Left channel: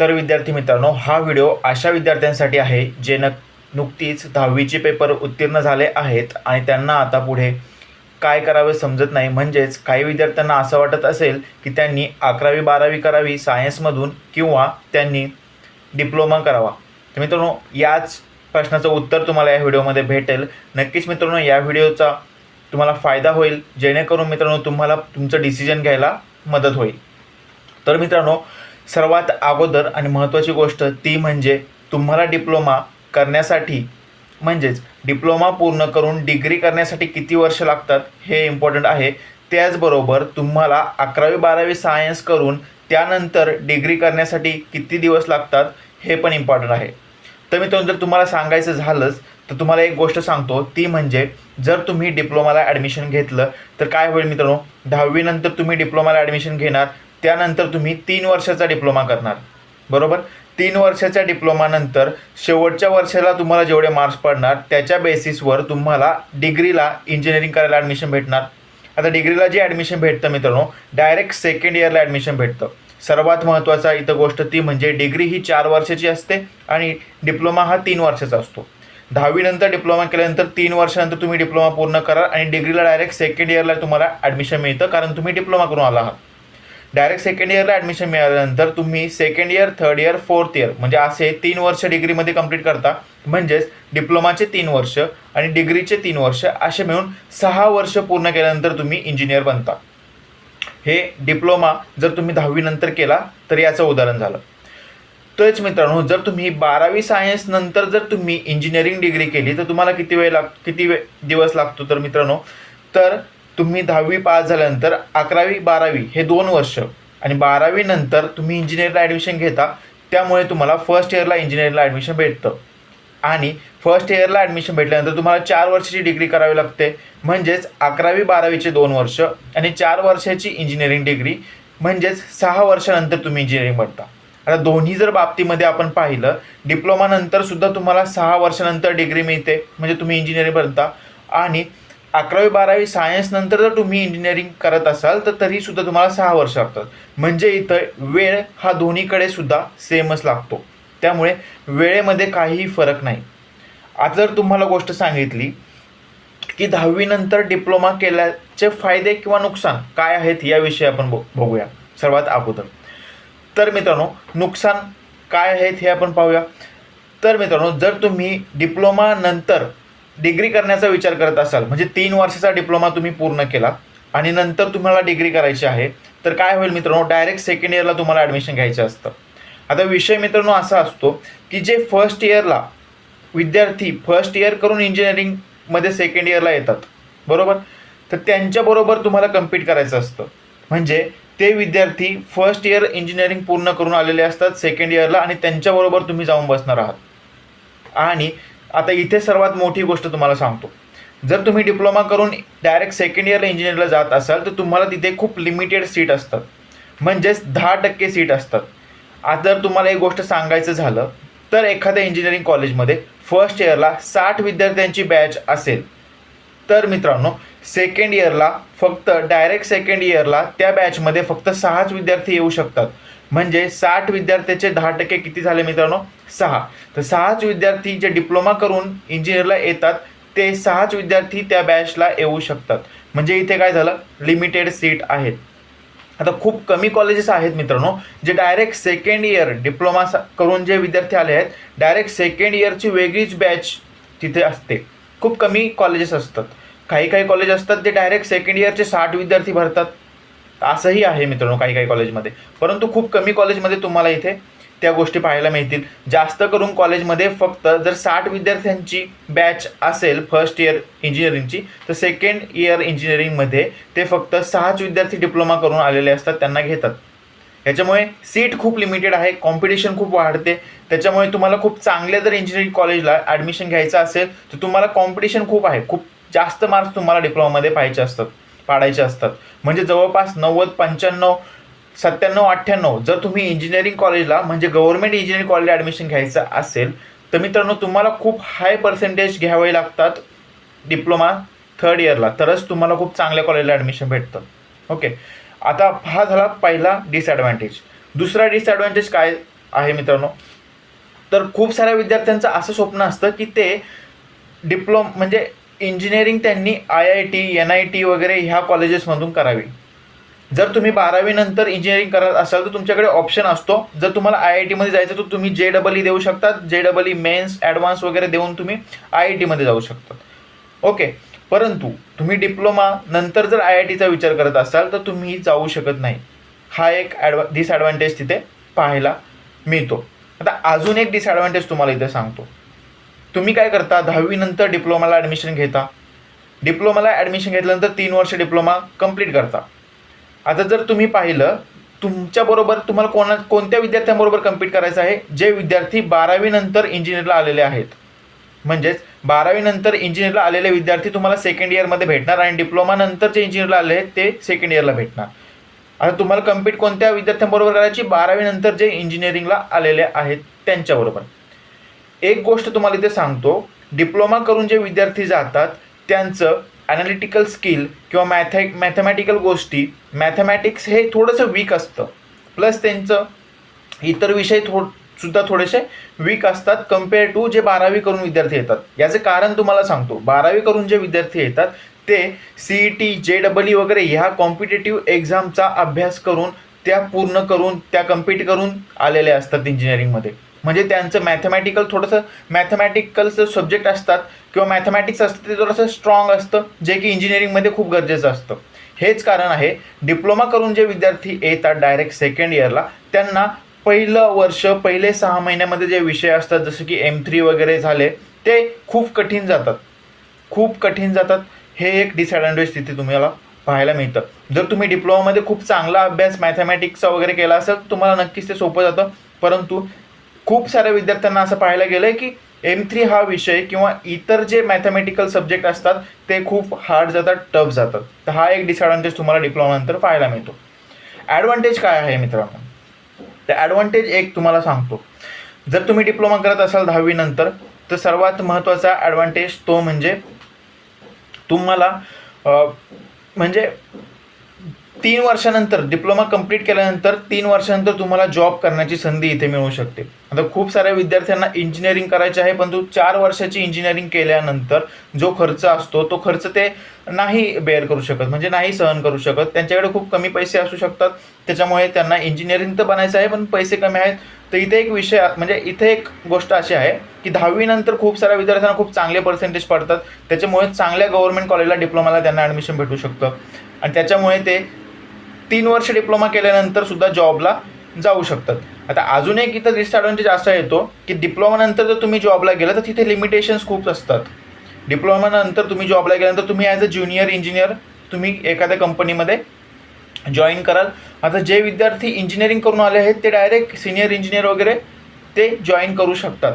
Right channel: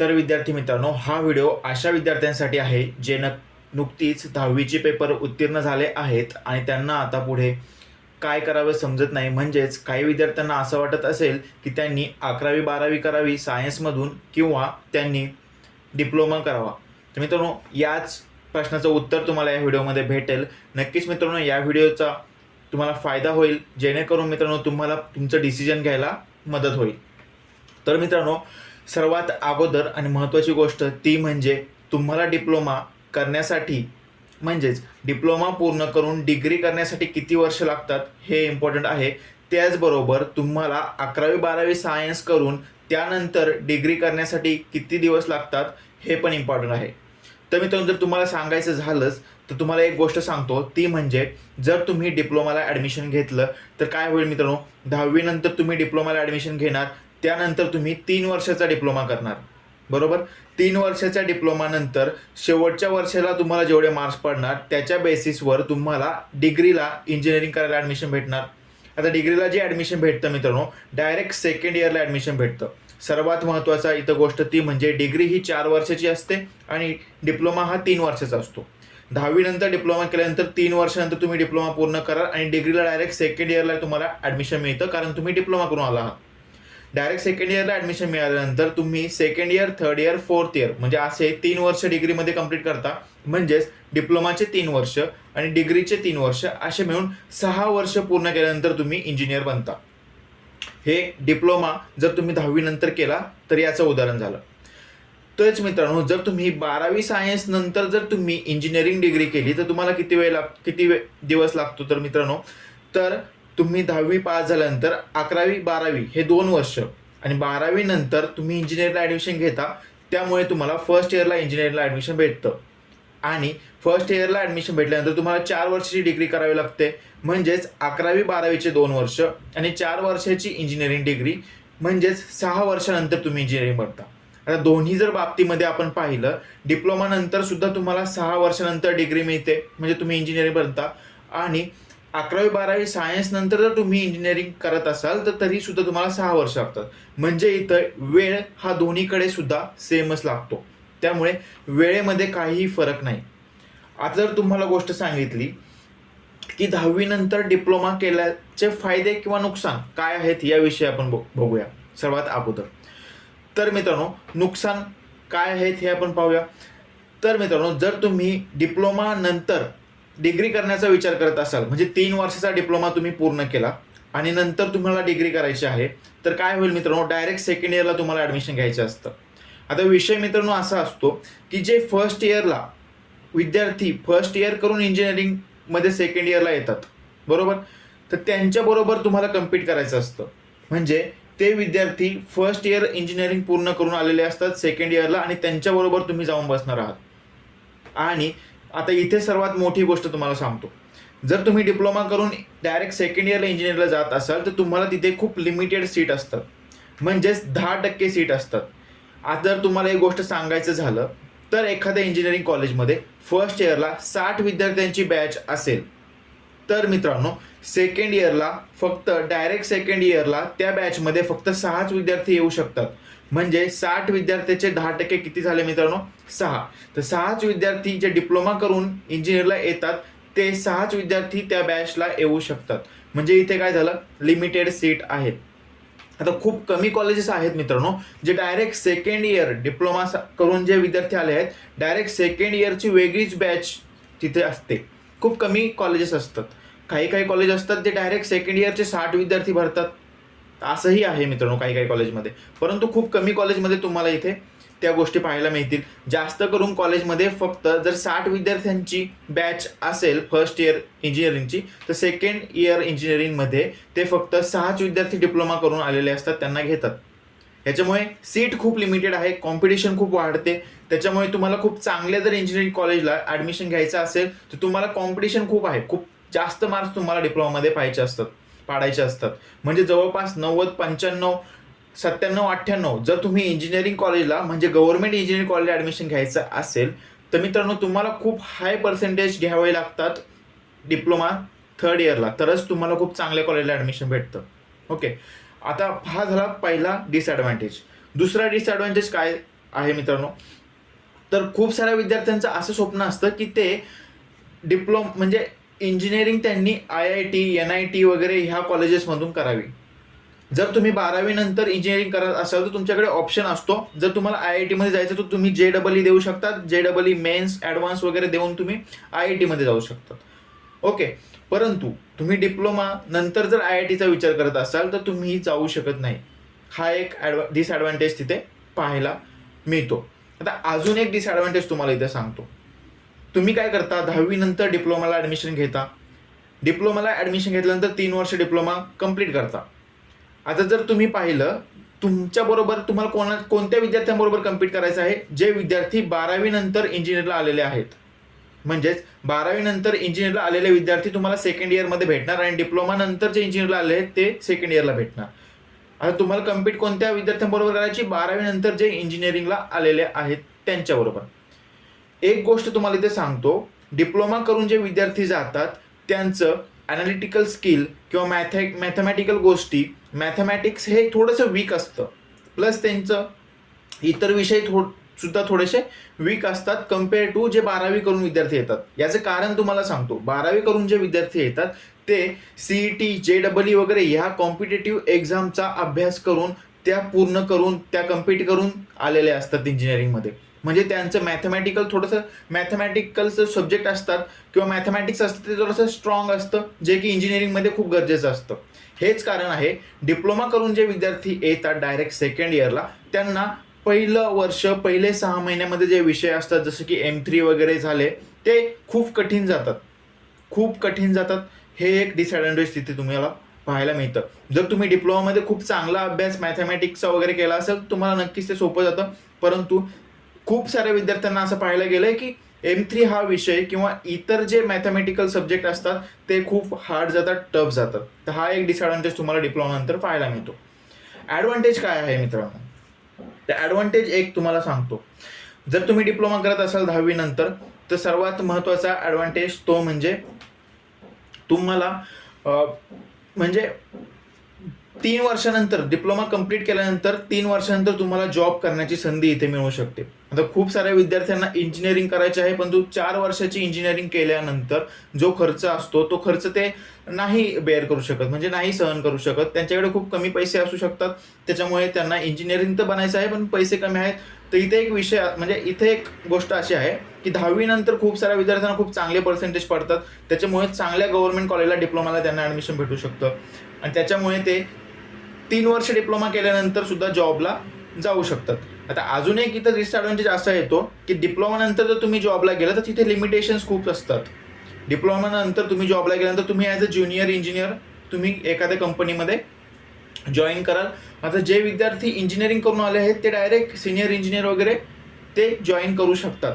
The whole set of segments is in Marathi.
तर विद्यार्थी मित्रांनो हा व्हिडिओ अशा विद्यार्थ्यांसाठी आहे जे न नुकतीच दहावीचे पेपर उत्तीर्ण झाले आहेत आणि त्यांना आता पुढे काय करावे समजत नाही. म्हणजेच काही विद्यार्थ्यांना असं वाटत असेल की त्यांनी अकरावी बारावी करावी सायन्समधून किंवा त्यांनी डिप्लोमा करावा. तर मित्रांनो याच प्रश्नाचं उत्तर तुम्हाला या व्हिडिओमध्ये भेटेल. नक्कीच मित्रांनो या व्हिडिओचा तुम्हाला फायदा होईल. जेणेकरून मित्रांनो तुम्हाला तुमचं डिसिजन घ्यायला मदत होईल. तर मित्रांनो सर्वात अगोदर आणि महत्त्वाची गोष्ट ती म्हणजे तुम्हाला डिप्लोमा करण्यासाठी म्हणजेच डिप्लोमा पूर्ण करून डिग्री करण्यासाठी किती वर्ष लागतात हे इम्पॉर्टंट आहे. त्याचबरोबर तुम्हाला अकरावी बारावी सायन्स करून त्यानंतर डिग्री करण्यासाठी किती दिवस लागतात हे पण इम्पॉर्टंट आहे. तर मित्रांनो जर तुम्हाला सांगायचं झालंच तर तुम्हाला एक गोष्ट सांगतो ती म्हणजे जर तुम्ही डिप्लोमाला ॲडमिशन घेतलं तर काय होईल मित्रांनो दहावीनंतर तुम्ही डिप्लोमाला ॲडमिशन घेणार त्यानंतर तुम्ही तीन वर्षाचा डिप्लोमा करणार. बरोबर? तीन वर्षाच्या डिप्लोमानंतर शेवटच्या वर्षाला तुम्हाला जेवढे मार्क्स पडणार त्याच्या बेसिसवर तुम्हाला डिग्रीला इंजिनिअरिंग करायला ॲडमिशन भेटणार. आता डिग्रीला जे ॲडमिशन भेटतं मित्रांनो डायरेक्ट सेकंड इयरला ॲडमिशन भेटतं. सर्वात महत्त्वाचा इथं गोष्ट ती म्हणजे डिग्री ही चार वर्षाची असते आणि डिप्लोमा हा तीन वर्षाचा असतो. दहावीनंतर डिप्लोमा केल्यानंतर तीन वर्षानंतर तुम्ही डिप्लोमा पूर्ण करा आणि डिग्रीला डायरेक्ट सेकंड इयरला तुम्हाला ॲडमिशन मिळतं कारण तुम्ही डिप्लोमा करून आला आहात. डायरेक्ट सेकंड इयरला ॲडमिशन मिळाल्यानंतर तुम्ही second year third year fourth year म्हणजे असे तीन वर्ष डिग्रीमध्ये कंप्लीट करता. म्हणजेच डिप्लोमाचे तीन वर्ष आणि डिग्रीचे तीन वर्ष असे मिळून सहा वर्ष पूर्ण केल्यानंतर तुम्ही इंजिनियर बनता. हे डिप्लोमा जर तुम्ही दहावीनंतर केला तर याचं उदाहरण झालं. तोच मित्रांनो जर तुम्ही बारावी सायन्स नंतर जर तुम्ही इंजिनिअरिंग डिग्री केली तर तुम्हाला किती वेळ लाग किती वे दिवस लागतो तर मित्रांनो? तर तुम्ही दहावी पास झाल्यानंतर अकरावी बारावी हे दोन वर्ष आणि बारावी नंतर तुम्ही इंजिनिअरला ॲडमिशन घेता त्यामुळे तुम्हाला फर्स्ट इयरला इंजिनिअरिंगला ॲडमिशन भेटतं. आणि फर्स्ट इयरला ॲडमिशन भेटल्यानंतर तुम्हाला चार वर्षाची डिग्री करावी लागते. म्हणजेच अकरावी बारावीचे दोन वर्ष आणि चार वर्षाची इंजिनिअरिंग डिग्री म्हणजेच सहा वर्षानंतर तुम्ही इंजिनिअरिंग बनता. आता दोन्ही जर बाबतीमध्ये आपण पाहिलं डिप्लोमानंतर सुद्धा तुम्हाला सहा वर्षानंतर डिग्री मिळते. म्हणजे तुम्ही इंजिनिअरिंग बनता. आणि अकरावी बारावी सायन्स नंतर जर तुम्ही इंजिनिअरिंग करत असाल तर तरी सुद्धा तुम्हाला सहा वर्ष लागतात. म्हणजे इथं वेळ हा दोन्हीकडे सुद्धा सेमच लागतो. त्यामुळे वेळेमध्ये काहीही फरक नाही. आता जर तुम्हाला गोष्ट सांगितली की दहावीनंतर डिप्लोमा केल्याचे फायदे किंवा नुकसान काय आहेत याविषयी आपण बघ- बघूया. सर्वात अगोदर. तर मित्रांनो नुकसान काय आहेत हे आपण पाहूया. तर मित्रांनो जर तुम्ही डिप्लोमा नंतर डिग्री करण्याचा विचार करत असाल म्हणजे तीन वर्षाचा डिप्लोमा तुम्ही पूर्ण केला आणि नंतर तुम्हाला डिग्री करायची आहे तर काय होईल मित्रांनो? डायरेक्ट सेकंड इयरला तुम्हाला ॲडमिशन घ्यायचं असतं. आता विषय मित्रांनो असा असतो की जे फर्स्ट इयरला विद्यार्थी फर्स्ट इयर करून इंजिनिअरिंगमध्ये सेकंड इयरला येतात बरोबर? तर त्यांच्याबरोबर तुम्हाला कम्पीट करायचं असतं. म्हणजे ते विद्यार्थी फर्स्ट इयर इंजिनिअरिंग पूर्ण करून आलेले असतात सेकंड इयरला आणि त्यांच्याबरोबर तुम्ही जाऊन बसणार आहात. आणि आता इथे सर्वात मोठी गोष्ट तुम्हाला सांगतो. जर तुम्ही डिप्लोमा करून डायरेक्ट सेकंड इयरला इंजिनिअरला जात असाल तर तुम्हाला तिथे खूप लिमिटेड सीट असतात. म्हणजेच दहा टक्के सीट असतात. आता जर तुम्हाला एक गोष्ट सांगायचं झालं तर एखाद्या इंजिनिअरिंग कॉलेजमध्ये फर्स्ट इयरला साठ विद्यार्थ्यांची बॅच असेल. तर मित्रांनो सेकंड इयरला फक्त डायरेक्ट सेकंड इयरला त्या बॅचमध्ये फक्त सहाच विद्यार्थी येऊ शकतात. म्हणजे साठ विद्यार्थ्याचे दहा टक्के किती झाले मित्रांनो? सहा. तर सहाच विद्यार्थी जे डिप्लोमा करून इंजिनिअरला येतात ते सहाच विद्यार्थी त्या बॅचला येऊ शकतात. म्हणजे इथे काय झालं? लिमिटेड सीट आहेत. आता खूप कमी कॉलेजेस आहेत मित्रांनो जे डायरेक्ट सेकंड इयर डिप्लोमा करून जे विद्यार्थी आले आहेत डायरेक्ट सेकंड इयरची वेगळीच बॅच तिथे असते. खूप कमी कॉलेजेस असतात. काही काही कॉलेज असतात जे डायरेक्ट सेकंड इयरचे साठ विद्यार्थी भरतात. असंही आहे मित्रांनो काही काही कॉलेजमध्ये. परंतु खूप कमी कॉलेजमध्ये तुम्हाला इथे त्या गोष्टी पाहायला मिळतील. जास्त करून कॉलेजमध्ये फक्त जर साठ विद्यार्थ्यांची बॅच असेल फर्स्ट इयर इंजिनिअरिंगची तर सेकंड इयर इंजिनिअरिंगमध्ये ते फक्त सहाच विद्यार्थी डिप्लोमा करून आलेले असतात त्यांना घेतात. याच्यामुळे सीट खूप लिमिटेड आहे कॉम्पिटिशन खूप वाढते. त्याच्यामुळे तुम्हाला खूप चांगल्या जर इंजिनिअरिंग कॉलेजला ॲडमिशन घ्यायचं असेल तर तुम्हाला कॉम्पिटिशन खूप आहे. खूप जास्त मार्क्स तुम्हाला डिप्लोमामध्ये पाहायचे असतात. पाडायचे असतात. म्हणजे जवळपास नव्वद पंच्याण्णव सत्त्याण्णव अठ्ठ्याण्णव जर तुम्ही इंजिनिअरिंग कॉलेजला म्हणजे गव्हर्नमेंट इंजिनिअरिंग कॉलेजला ॲडमिशन घ्यायचं असेल तर मित्रांनो तुम्हाला खूप हाय पर्सेंटेज घ्यावे लागतात डिप्लोमा थर्ड इयरला तरच तुम्हाला खूप चांगल्या कॉलेजला ॲडमिशन भेटतं. ओके आता हा झाला पहिला डिसॲडव्हान्टेज दुसरा डिसॲडव्हान्टेज काय आहे मित्रांनो? तर खूप साऱ्या विद्यार्थ्यांचं असं स्वप्न असतं की ते डिप्लोम म्हणजे इंजिनिअरिंग त्यांनी I I T N I T वगैरे ह्या कॉलेजेसमधून करावी. जर तुम्ही बारावीनंतर इंजिनिअरिंग करत असाल तर तुमच्याकडे ऑप्शन असतो. जर तुम्हाला आय आय टीमध्ये जायचं तर तुम्ही जे डबल ई देऊ शकतात. जे डबल ई मेन्स ॲडव्हान्स वगैरे देऊन तुम्ही आय आय टीमध्ये जाऊ शकतात. ओके परंतु तुम्ही डिप्लोमा नंतर जर आय आय टीचा विचार करत असाल तर तुम्ही जाऊ शकत नाही. हा एक ॲडवा डिसॲडव्हान्टेज तिथे पाहायला मिळतो. आता अजून एक डिसॲडव्हान्टेज तुम्हाला इथे सांगतो. तुम्ही काय करता? दहावीनंतर डिप्लोमाला ॲडमिशन घेता. डिप्लोमाला ॲडमिशन घेतल्यानंतर तीन वर्ष डिप्लोमा कंप्लीट करता. आता जर तुम्ही पाहिलं तुमच्याबरोबर तुम्हाला कोणा कोणत्या विद्यार्थ्यांबरोबर कम्पीट करायचं आहे? जे विद्यार्थी बारावीनंतर इंजिनिअरला आलेले आहेत. म्हणजेच बारावीनंतर इंजिनिअरला आलेले विद्यार्थी तुम्हाला सेकंड इयरमध्ये भेटणार आणि डिप्लोमानंतर जे इंजिनिअरला आले आहेत ते सेकंड इयरला भेटणार. आता तुम्हाला कम्पीट कोणत्या विद्यार्थ्यांबरोबर करायची? बारावीनंतर जे इंजिनिअरिंगला आलेले आहेत त्यांच्याबरोबर. एक गोष्ट तुम्हाला इथे सांगतो. डिप्लोमा करून जे विद्यार्थी जातात त्यांचं ॲनालिटिकल स्किल किंवा मॅथॅ मॅथमॅटिकल गोष्टी मॅथमॅटिक्स हे थोडंसं वीक असतं. प्लस त्यांचं इतर विषय थोड सुद्धा थोडेसे वीक असतात कंपेअर टू जे बारावी करून विद्यार्थी येतात. याचं कारण तुम्हाला सांगतो. बारावी करून जे विद्यार्थी येतात ते C E T J double E वगैरे ह्या कॉम्पिटेटिव्ह एक्झामचा अभ्यास करून त्या पूर्ण करून त्या कम्पीट करून आलेले असतात इंजिनिअरिंगमध्ये म्हणजे त्यांचं मॅथमॅटिकल थोडंसं मॅथमॅटिकलचं सब्जेक्ट असतात किंवा मॅथमॅटिक्स असतं ते थोडंसं स्ट्रॉंग असतं जे की इंजिनिअरिंगमध्ये खूप गरजेचं असतं. हेच कारण आहे डिप्लोमा करून जे विद्यार्थी येतात डायरेक्ट सेकंड इयरला त्यांना पहिलं वर्ष पहिले सहा महिन्यामध्ये जे विषय असतात जसं की एम थ्री वगैरे झाले ते खूप कठीण जातात. खूप कठीण जातात. हे एक डिसॲडव्हान्टेज तिथे तुम्हाला पाहायला मिळतं. जर तुम्ही डिप्लोमामध्ये खूप चांगला अभ्यास मॅथमॅटिक्सचा वगैरे केला असेल तुम्हाला नक्कीच ते सोपं जातं. परंतु खूप साऱ्या विद्यार्थ्यांना असं पाहायला गेलं आहे की एम थ्री हा विषय किंवा इतर जे मॅथमॅटिकल सब्जेक्ट असतात ते खूप हार्ड जातात टफ जातात. तर हा एक डिसॲडव्हान्टेज तुम्हाला डिप्लोमानंतर पाहायला मिळतो. ॲडव्हान्टेज काय आहे मित्रांनो? तर ॲडव्हान्टेज एक तुम्हाला सांगतो. जर तुम्ही डिप्लोमा करत असाल दहावीनंतर तर सर्वात महत्त्वाचा ॲडव्हान्टेज तो म्हणजे तुम्हाला म्हणजे तीन वर्षानंतर डिप्लोमा कंप्लीट केल्यानंतर तीन वर्षानंतर तुम्हाला जॉब करण्याची संधी इथे मिळू शकते. आता खूप साऱ्या विद्यार्थ्यांना इंजिनिअरिंग करायचे आहे परंतु चार वर्षाची इंजिनिअरिंग केल्यानंतर जो खर्च असतो तो खर्च ते नाही बेअर करू शकत म्हणजे नाही सहन करू शकत. त्यांच्याकडे खूप कमी पैसे असू शकतात. त्याच्यामुळे त्यांना इंजिनिअरिंग तर बनायचं आहे पण पैसे कमी आहेत. तर इथे एक विषय म्हणजे इथे एक गोष्ट अशी आहे की दहावीनंतर खूप साऱ्या विद्यार्थ्यांना खूप चांगले पर्सेंटेज पडतात. त्याच्यामुळे चांगल्या गव्हर्नमेंट कॉलेजला डिप्लोमाला त्यांना ॲडमिशन भेटू शकतं. आणि त्याच्यामुळे ते तीन वर्ष डिप्लोमा केल्यानंतर सुद्धा जॉबला जाऊ शकतात. आता अजून एक इथं डिसॲडव्हान्टेज असा येतो की डिप्लोमानंतर जर तुम्ही जॉबला गेला तर तिथे लिमिटेशन्स खूप असतात. डिप्लोमानंतर तुम्ही जॉबला गेल्यानंतर तुम्ही ॲज अ ज्युनियर इंजिनियर तुम्ही एखाद्या कंपनीमध्ये जॉईन कराल. आता जे विद्यार्थी इंजिनिअरिंग करून आले आहेत ते डायरेक्ट सिनियर इंजिनियर वगैरे ते जॉईन करू शकतात.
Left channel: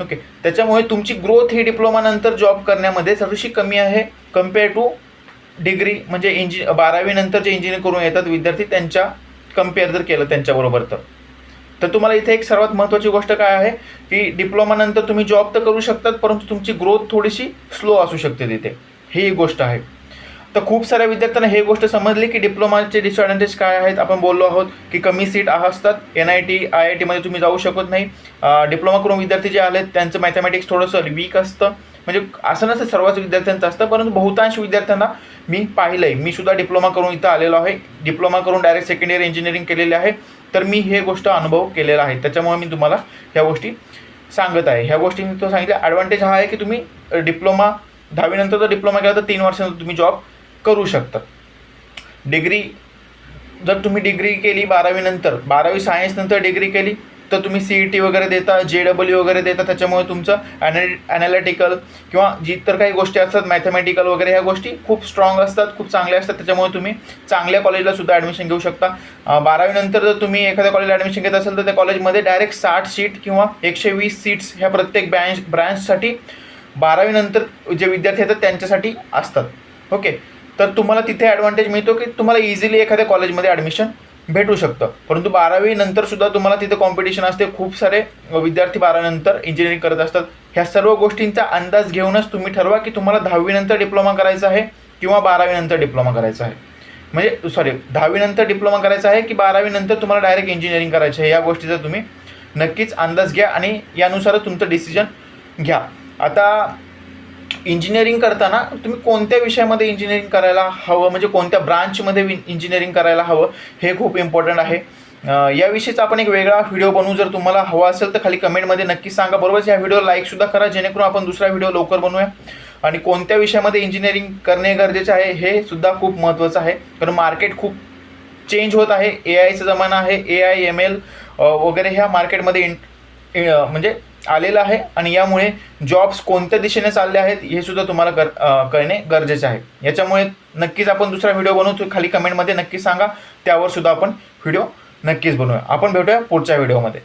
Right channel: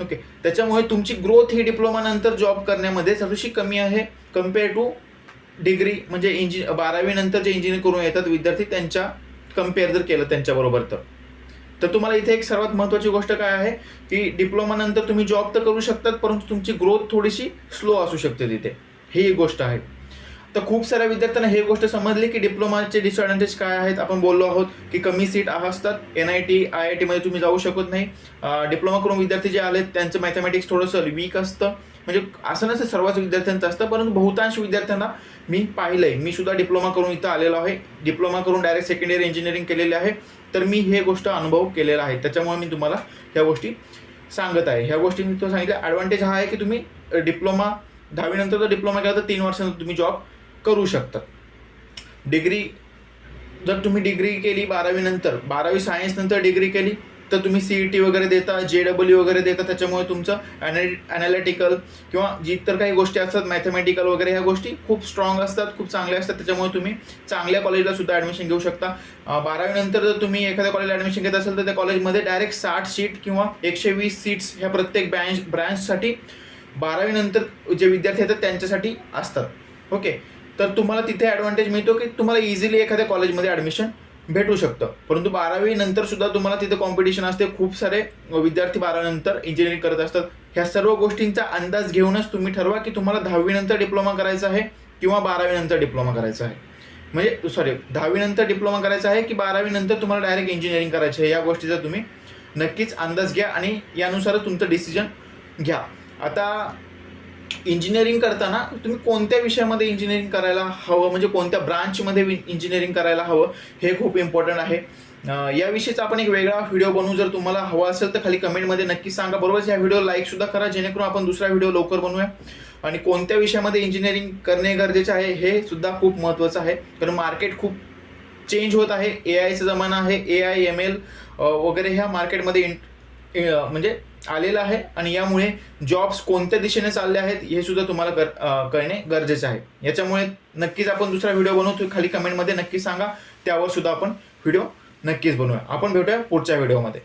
ओके त्याच्यामुळे तुमची ग्रोथ ही डिप्लोमानंतर जॉब करण्यामध्ये थोडीशी कमी आहे कंपेअर टू डिग्री म्हणजे इंजि बारावीनंतर जे इंजिनिअर करून येतात विद्यार्थी त्यांच्या कंपेअर जर केलं त्यांच्याबरोबर तर. तर तुम्हाला इथे एक सर्वात महत्त्वाची गोष्ट काय आहे की डिप्लोमानंतर तुम्ही जॉब तर करू शकतात परंतु तुमची ग्रोथ थोडीशी स्लो असू शकते तिथे. ही एक गोष्ट आहे. तर खूप साऱ्या विद्यार्थ्यांना हे गोष्ट समजली की डिप्लोमाचे डिसॲडव्हान्टेज काय आहेत. आपण बोललो आहोत की कमी सीट असतात. N I T I I टीमध्ये तुम्ही जाऊ शकत नाही. डिप्लोमा करून विद्यार्थी जे आलेत त्यांचं मॅथमॅटिक्स थोडंसं वीक असतं. म्हणजे असं नसतं सर्वच विद्यार्थ्यांचं असतं परंतु बहुतांश विद्यार्थ्यांना मी पाहिलं आहे मी सुद्धा डिप्लोमा करून इथं आलेलो आहे. डिप्लोमा करून डायरेक्ट सेकंड इयर इंजिनिअरिंग केलेले आहे. तर मी हे गोष्ट अनुभव केलेला आहे. त्याच्यामुळे मी तुम्हाला ह्या गोष्टी सांगत आहे. ह्या गोष्टी मी तो सांगितल्या. ॲडव्हान्टेज हा आहे की तुम्ही डिप्लोमा दहावीनंतर जर डिप्लोमा केला तर तीन वर्षानंतर तुम्ही जॉब करू शकता. डिग्री जर तुम्ही डिग्री केली बारावीनंतर बारावी सायन्सनंतर डिग्री केली तर तुम्ही सी ई टी वगैरे देता जे डब्ल्यू वगैरे देता त्याच्यामुळे तुमचं ॲनॅ ॲनालिटिकल किंवा जी इतर काही गोष्टी असतात मॅथमॅटिकल वगैरे ह्या गोष्टी खूप स्ट्रॉंग असतात खूप चांगल्या असतात त्याच्यामुळे तुम्ही चांगल्या कॉलेजला सुद्धा ॲडमिशन घेऊ शकता. बारावीनंतर जर तुम्ही एखाद्या कॉलेजला ॲडमिशन घेत असाल तर त्या कॉलेजमध्ये डायरेक्ट साठ सीट किंवा एकशे वीस सीट्स ह्या प्रत्येक ब्रँच ब्रँचसाठी बारावीनंतर जे विद्यार्थी येतात त्यांच्यासाठी असतात. ओके तर तुम्हाला तिथे ॲडव्हान्टेज मिळतो की तुम्हाला इझिली एखाद्या कॉलेजमध्ये ॲडमिशन भेटू शकतं. परंतु बारावी नंतर सुद्धा तुम्हाला तिथे कॉम्पिटिशन असते. खूप सारे विद्यार्थी बारावीनंतर इंजिनिअरिंग करत असतात. ह्या सर्व गोष्टींचा अंदाज घेऊनच तुम्ही ठरवा की तुम्हाला दहावीनंतर डिप्लोमा करायचा आहे किंवा बारावीनंतर डिप्लोमा करायचा आहे. म्हणजे सॉरी दहावीनंतर डिप्लोमा करायचा आहे की बारावीनंतर तुम्हाला डायरेक्ट इंजिनिअरिंग करायचं आहे. या गोष्टीचा तुम्ही नक्कीच अंदाज घ्या आणि यानुसारच तुमचं डिसिजन घ्या. आता इंजिनिअरिंग करताना तुम्ही कोणत्या विषयामध्ये इंजिनिअरिंग करायला हवं? म्हणजे कोणत्या ब्रांचमध्ये इंजिनिअरिंग करायला हवं? हे खूप इम्पॉर्टंट आहे. याविषयीचा आपण एक वेगळा व्हिडिओ बनवू. जर तुम्हाला हवा असेल तर खाली कमेंटमध्ये नक्की सांगा. बरोबरच या व्हिडिओ लाईकसुद्धा करा. जेणेकरून आपण दुसरा व्हिडिओ लवकर बनवूया. आणि कोणत्या विषयामध्ये इंजिनिअरिंग करणे गरजेचे आहे हे सुद्धा खूप महत्त्वाचं आहे. कारण मार्केट खूप चेंज होत आहे. ए आयचा जमाना आहे. ए आय एम एल वगैरे ह्या मार्केटमध्ये इन म्हणजे आलेलं आहे आणि यामुळे जॉब्स कोणत्या दिशेने चालले आहेत हे सुद्धा तुम्हाला कर कळणे गरजेचे आहे. याच्यामुळे नक्कीच आपण दुसरा व्हिडिओ बनवतो खाली कमेंटमध्ये नक्की सांगा. त्यावर सुद्धा आपण व्हिडिओ नक्कीच बनवूया. आपण भेटूया पुढच्या व्हिडिओमध्ये